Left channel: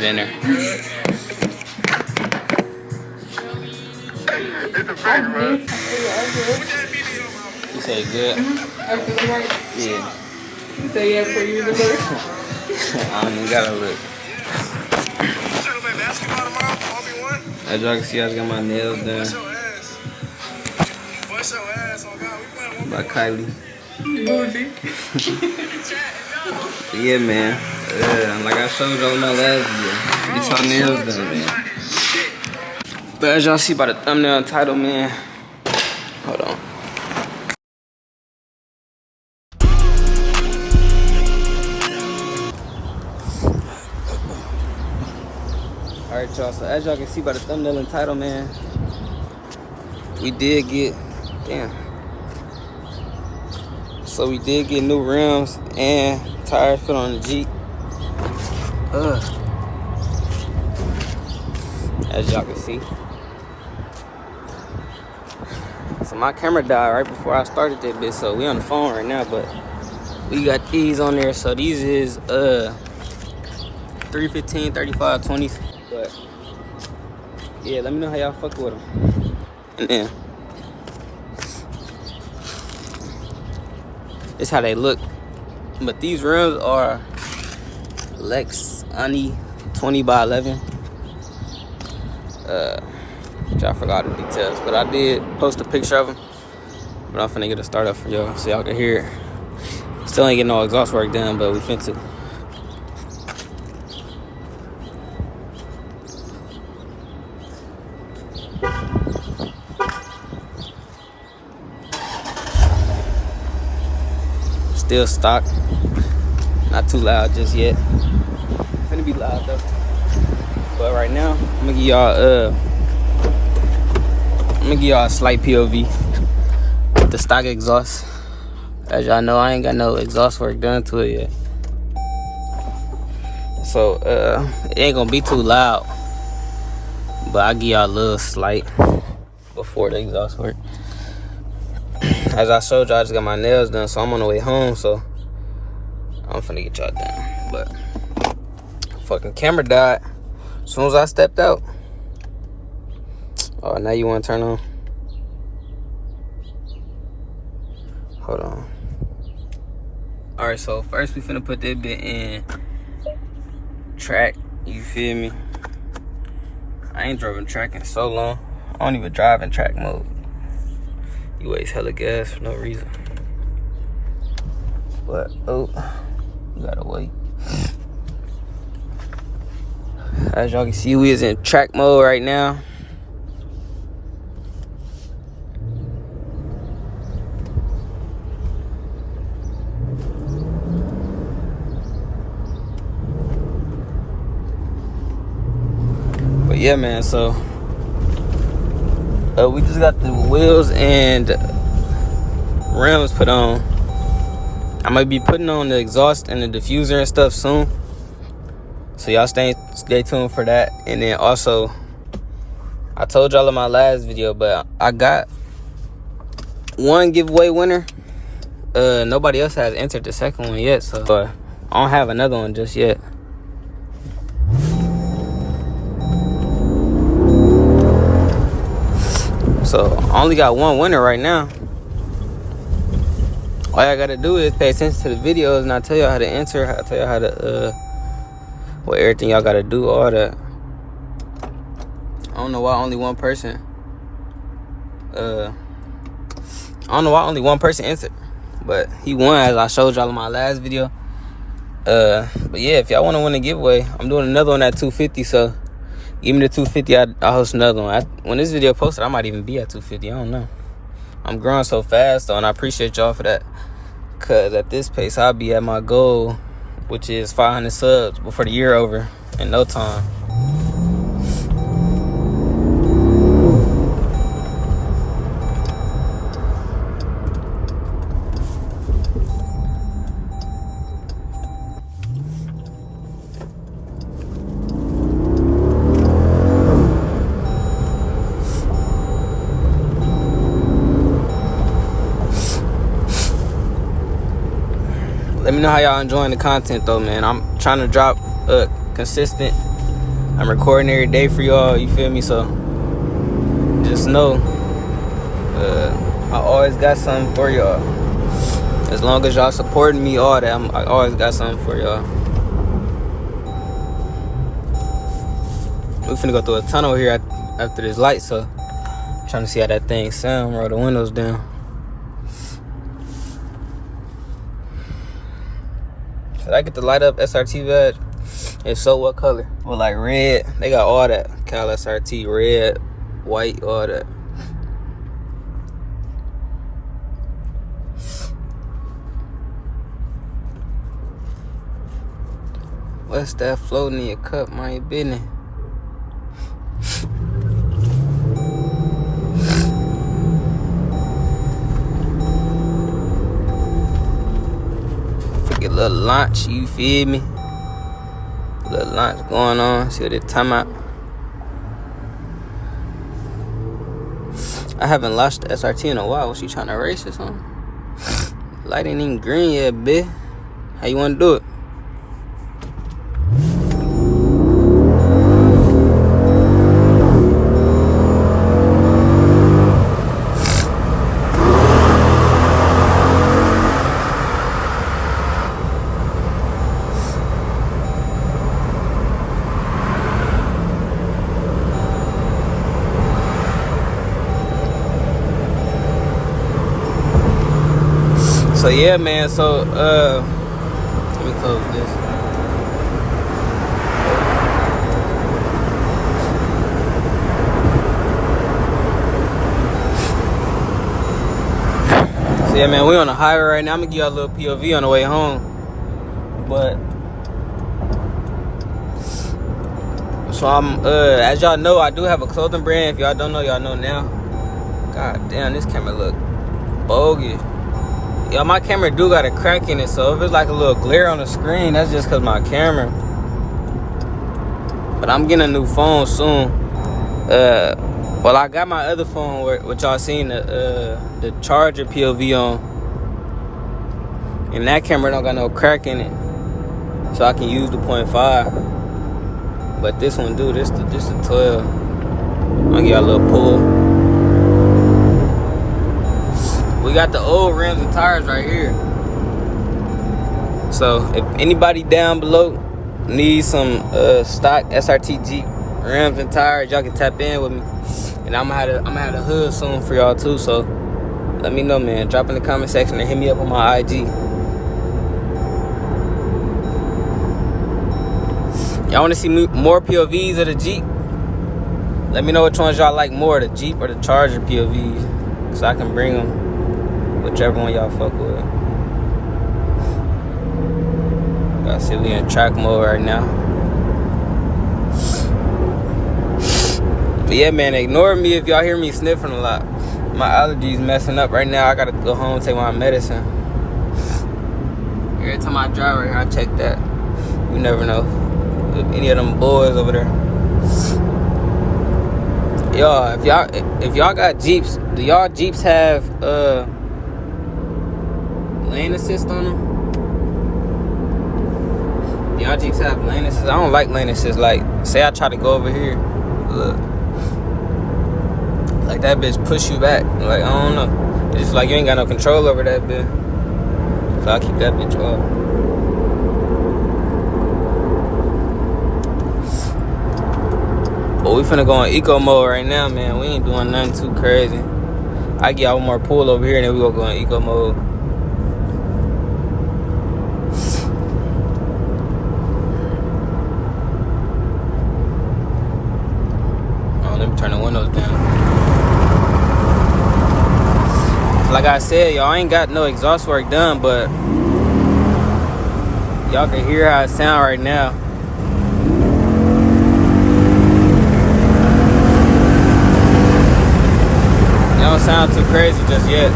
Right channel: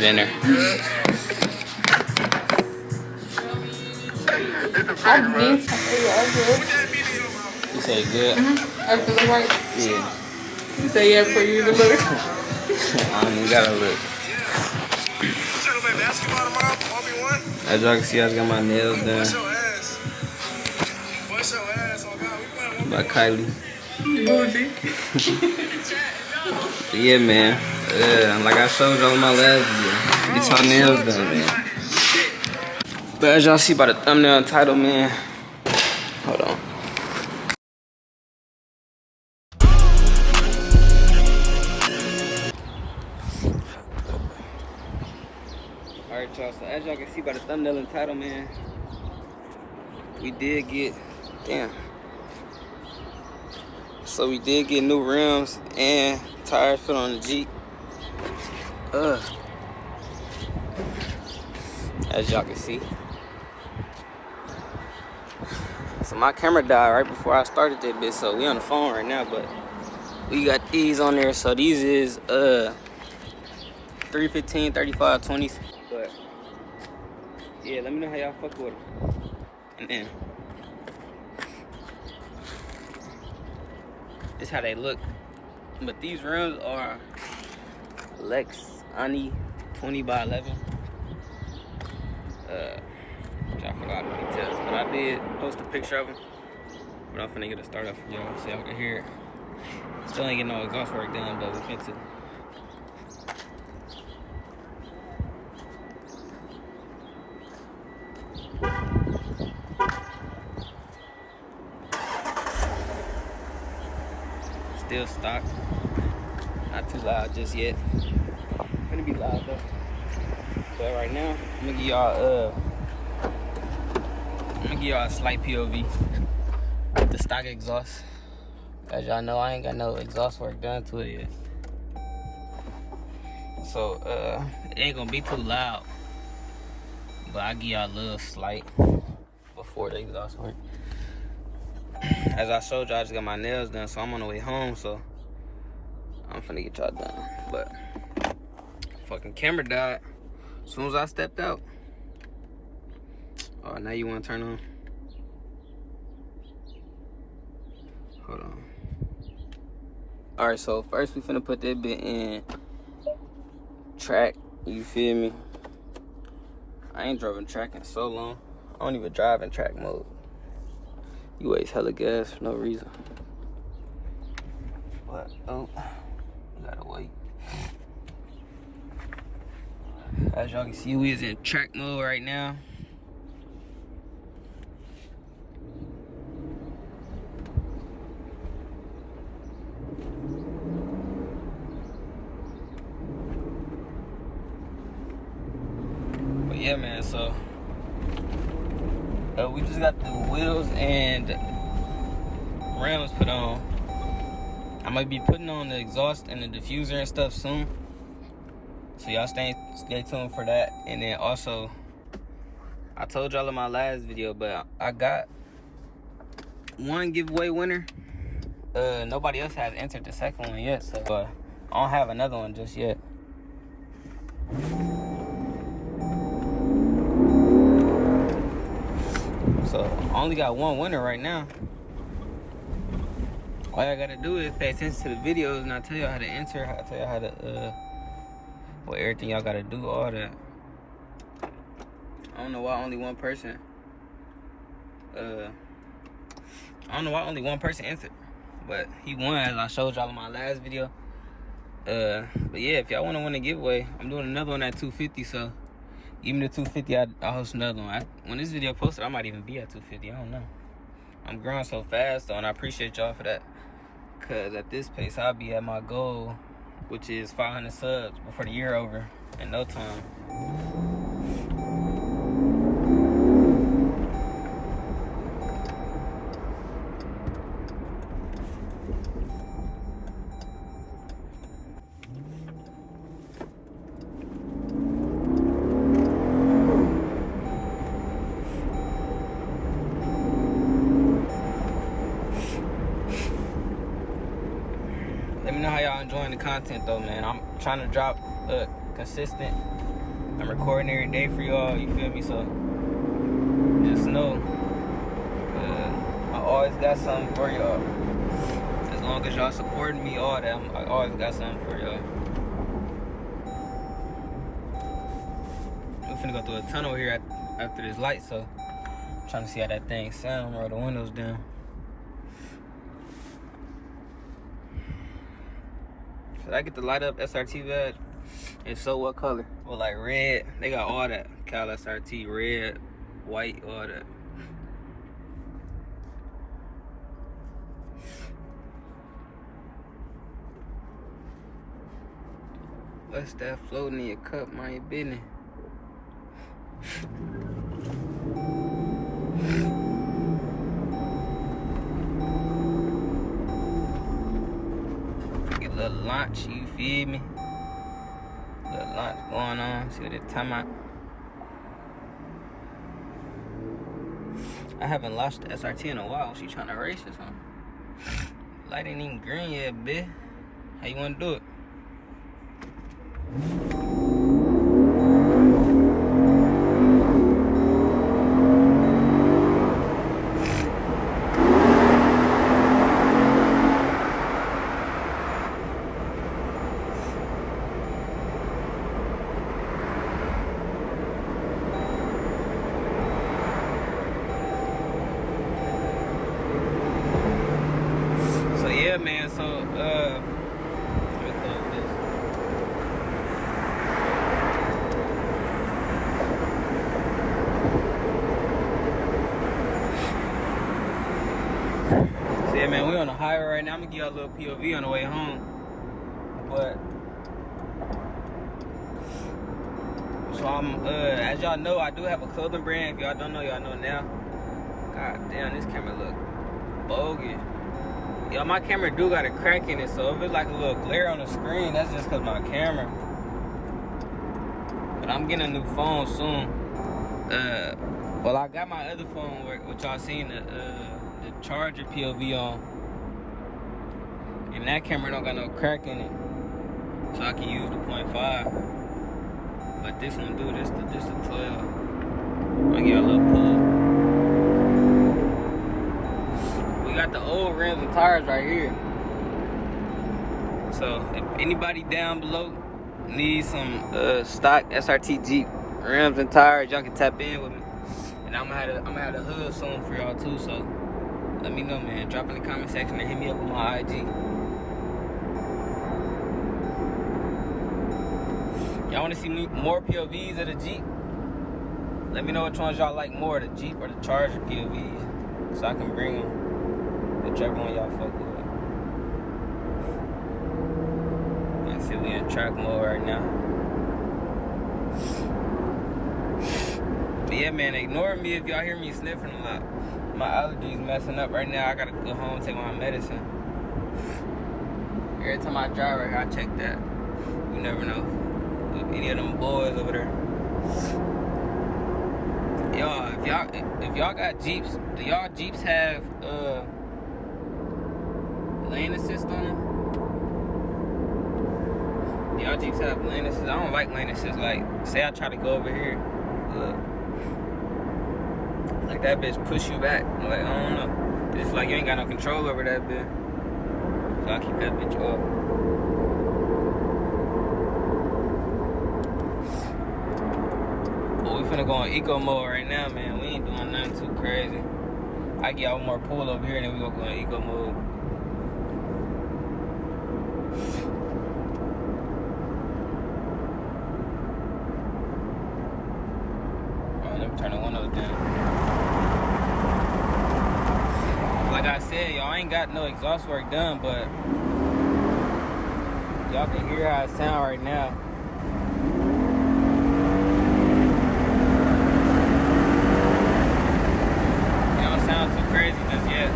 put in there. You say good? After the right? Yeah. You say yeah for you to look? I don't even gotta look. As y'all can see, I just got my nails done. By Kylie. Bougie. Yeah, man. Like I showed y'all in my last video. Get your nails done, man. But as y'all see by the thumbnail and title, man. Hold on. Alright, y'all. So as y'all can see by the thumbnail and title, man, we did get, so we did get new rims and tires put on the Jeep. As y'all can see. So my camera died right before I started that bit, so we on the phone right now, but we got these on there. So these is 315, 35, 20s. But yeah, let me know how y'all fuck with them. And then this is how they look. But these rims are Lex Ani 20x11. Which I forgot the details, but I did post a picture of them. But I'm finna get a start up for y'all so y'all can hear it. Still ain't getting no exhaust work done, but we finna. Still stock. Not too loud just yet. Finna be loud though. But right now, I'm gonna give y'all a slight POV with the stock exhaust. As y'all know, I ain't got no exhaust work done to it yet. So it ain't gonna be too loud. But I'll give y'all a little slight before the exhaust work. As I showed y'all, I just got my nails done, so I'm on the way home, so I'm finna get y'all done. But fucking camera died as soon as I stepped out. Oh, now you wanna turn on? Hold on. Alright, so first we finna put that bit in track, you feel me? I ain't driving track in so long. I don't even drive in track mode. You waste hella gas for no reason. But, oh, you gotta wait. As y'all can see, we is in track mode right now. But yeah, man, so we just got the wheels and rims put on. I might be putting on the exhaust and the diffuser and stuff soon, so y'all stay tuned for that. And then also, I told y'all in my last video, but I got one giveaway winner. Nobody else has entered the second one yet, so I don't have another one just yet. So I only got one winner right now. All y'all gotta do is pay attention to the videos, and I'll tell y'all how to enter. I'll tell y'all how to what everything y'all gotta do, all that. I don't know why only one person entered, but he won, as I showed y'all in my last video. But yeah, if y'all wanna win a giveaway, I'm doing another one at 250, so give me the 250, I'll host another one. When this video posted, I might even be at 250. I don't know. I'm growing so fast, though, and I appreciate y'all for that. Because at this pace, I'll be at my goal, which is 500 subs before the year over in no time. Let me know how y'all enjoying the content though, man. I'm trying to drop consistent I'm recording every day for y'all, you feel me? So just know, I always got something for y'all. As long as y'all supporting me, all that, I always got something for y'all. We finna go through a tunnel here after this light, so I'm trying to see how that thing sound. Roll the windows down. Should I get the light up SRT badge? If so, what color? Well, like red. They got all that. Cal SRT, red, white, all that. What's that floating in your cup, mind your business? Get a little launch, you feel me? Little launch going on. See what it time out. I haven't launched the SRT in a while. Was she trying to race or something? Light ain't even green yet, bitch. How you want to do it? So yeah, man, so let me close this. So yeah, man, we on the highway right now. I'm gonna give y'all a little POV on the way home. But so I'm as y'all know, I do have a clothing brand. If y'all don't know, y'all know now. God damn, this camera look bogus. Yo, my camera do got a crack in it, so if it's like a little glare on the screen, that's just cause my camera. But I'm getting a new phone soon. Well, I got my other phone, which y'all seen the charger POV on, and that camera don't got no crack in it, so I can use the 0.5. But this one do, this the 12. I'll give y'all a little pull. We got the old rims and tires right here. So if anybody down below needs some stock SRT Jeep rims and tires, y'all can tap in with me. And I'm gonna have the hood soon for y'all too. So let me know, man. Drop in the comment section and hit me up on my IG. Y'all wanna see more POVs of the Jeep? Let me know which ones y'all like more, the Jeep or the Charger POVs, so I can bring them. Whichever one y'all fuck with. Got Silly in track mode right now. But yeah, man, ignore me if y'all hear me sniffing a lot. My allergies messing up right now. I gotta go home and take my medicine. Every time I drive right here, I check that. You never know. If any of them boys over there. Y'all, if y'all got Jeeps, do y'all Jeeps have lane assist on them? Y'all Jeeps have lane assist? I don't like lane assist. Like, say I try to go over here, look, like that bitch push you back. Like, I don't know. It's just like you ain't got no control over that bitch. So I keep that bitch off. But we finna go on eco mode right now, man. We ain't doing nothing too crazy. I get y'all one more pull over here and then we gonna go on eco mode. Turn the windows down. Like I said, y'all ain't got no exhaust work done, but y'all can hear how it sound right now. It don't sound too crazy just yet.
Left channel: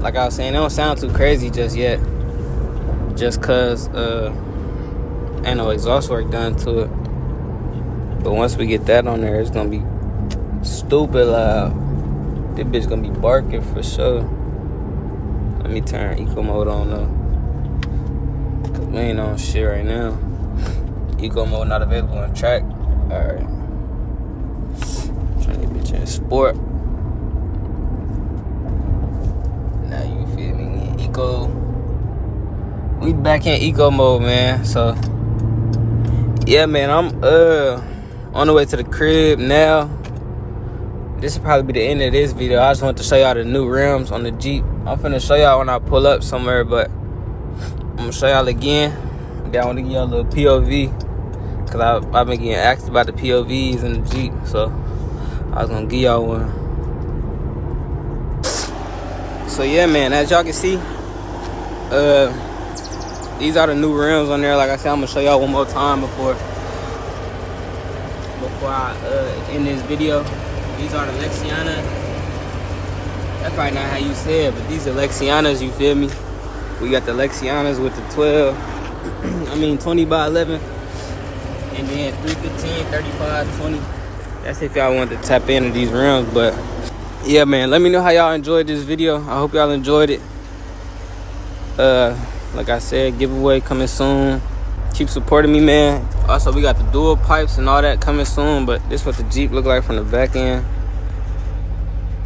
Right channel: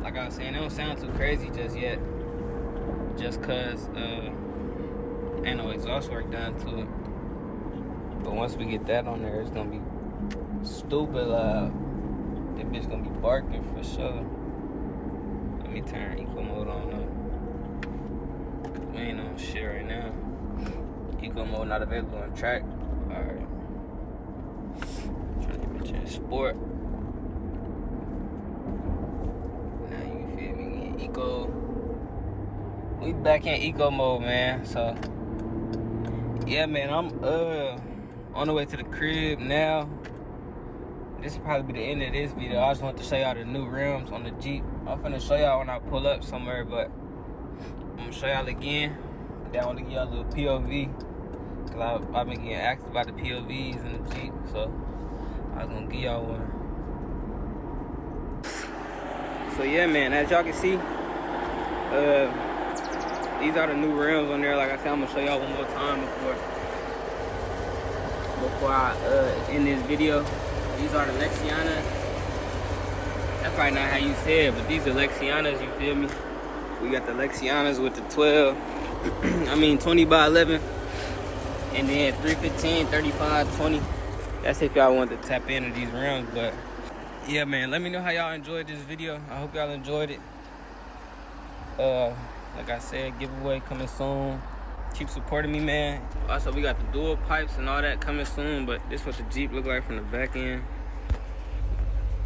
Like I was saying, it don't sound too crazy just yet. Just cause ain't no exhaust work done to it. But once we get that on there, it's gonna be stupid loud. This bitch gonna be barking for sure. Let me turn eco mode on though, cause we ain't on shit right now. Eco mode not available on track. Alright. Trying to get in sport. Now you feel me? Eco. We back in eco mode, man. So yeah, man, I'm on the way to the crib now. This will probably be the end of this video. I just want to show y'all the new rims on the Jeep. I'm finna show y'all when I pull up somewhere, but I'm gonna show y'all again. Then I want to give y'all a little POV, cause I've been getting asked about the POVs in the Jeep, so I was gonna give y'all one. So yeah, man, as y'all can see, these are the new rims on there. Like I said, I'm gonna show y'all one more time before I end this video. These are the Lexianas. That's probably not how you say it, but these are Lexianas, you feel me? We got the Lexianas with the 20 by 11. And then 315, 35, 20. That's if y'all want to tap into these rims. But yeah, man, let me know how y'all enjoyed this video. I hope y'all enjoyed it. Like I said, giveaway coming soon. Keep supporting me, man. Also, we got the dual pipes and all that coming soon, but this is what the Jeep look like from the back end.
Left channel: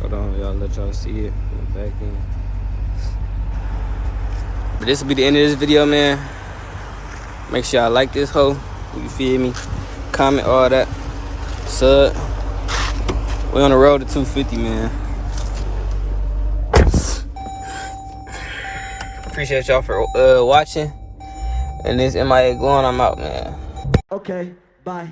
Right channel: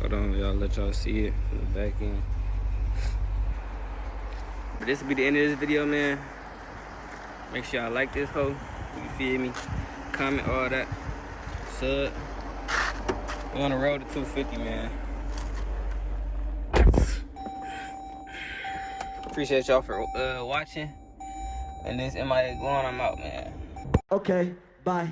Hold on, y'all, let y'all see it from the back end. But this will be the end of this video, man. Make sure y'all like this hoe. You feel me? Comment, all that. Sub. We on the road to 250, man. Appreciate y'all for watching. And this MIA going, I'm out, man. Okay, bye.